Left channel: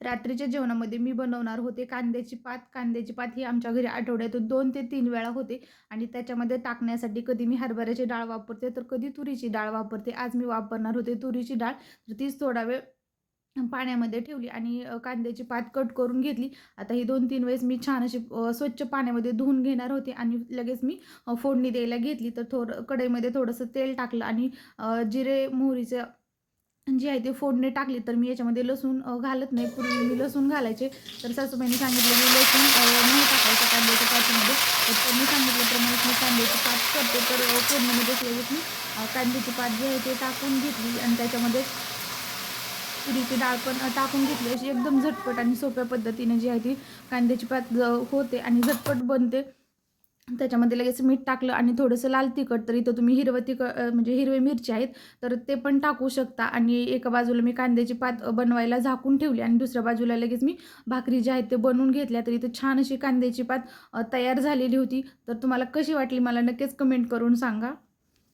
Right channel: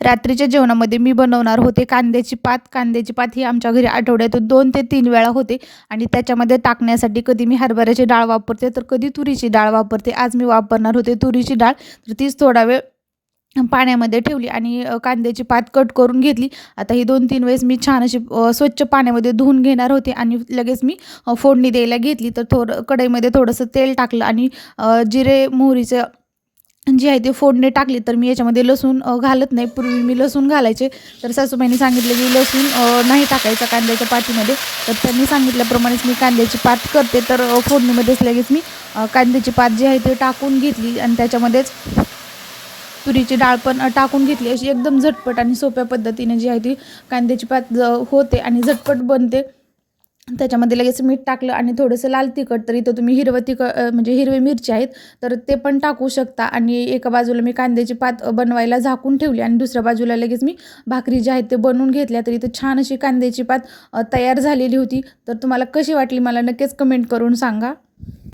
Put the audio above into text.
रात्रीच्या जेवणामध्ये मी बनवणार होते कांद्याची पात. कांद्याची पात ही आमच्या घरी आठवड्यातून 2 ते 3 वेळा होते आणि त्याच्यामध्ये टाकण्यासाठी कधी मी हरभऱ्याची डाळ वापरते, तर कधी तुरीची डाळ वापरते. आज मी वापरणार होते तुरीची डाळ, तर तीच थोडा वेळ पाण्यामध्ये ठेवली आणि कांद्याची पात कट करून घेतली. आता ही 2-3 वेळेस मी छान अशी स्वच्छ पाण्यामध्ये धुवून घेणार होते आणि लगेच मी फोडणी द्यायला घेतली. तर कढईमध्ये थोडंसं तेल टाकलं आणि जिरे मोहरीचं जी आहे ती फोडणी टाकली. तर मी याच्यामध्ये लसूण घालत नाही. पूर्वी मी लसूण घालायचे, तर सासूबाईंनी सांगितलं की लसूण नाही टाकायचा कांद्याच्या पातीमध्ये. तर त्यांनी सांगितल्याप्रमाणेच मी कांद्याची पात करते. तर फोडणीमध्येच लगेच मी कांद्याची पात जी आहे ती टाकून घेतली आणि त्याच्यामध्येच तुरीची डाळ पण टाकून घेतली. अशी एकदम झटपट आणि सोप्या पद्धतीने जी आहे ती कांद्याची पात होते आणि झटपट बनते. त्याच्यामध्ये लगेच मीठ टाकलं आणि थोडंसं लाल तिखट, तर इथं तुम्ही हिरवं तिखट म्हणजे हिरवी मिरची आहेत तर ते पण टाकू शकता. आणि एका बाजूला मी कांद्याची पात बनवायला झाकून ठेवली आणि दुसऱ्या बाजूला लगेच मी भाकरी ज्या आहेत ते बनवून घेतल्या. तर इथं छान अशी कांद्याची पात तयार झालेली होती. तर तुम्हाला कशी वाटली मला नक्कीच कमेंट करून सांगा.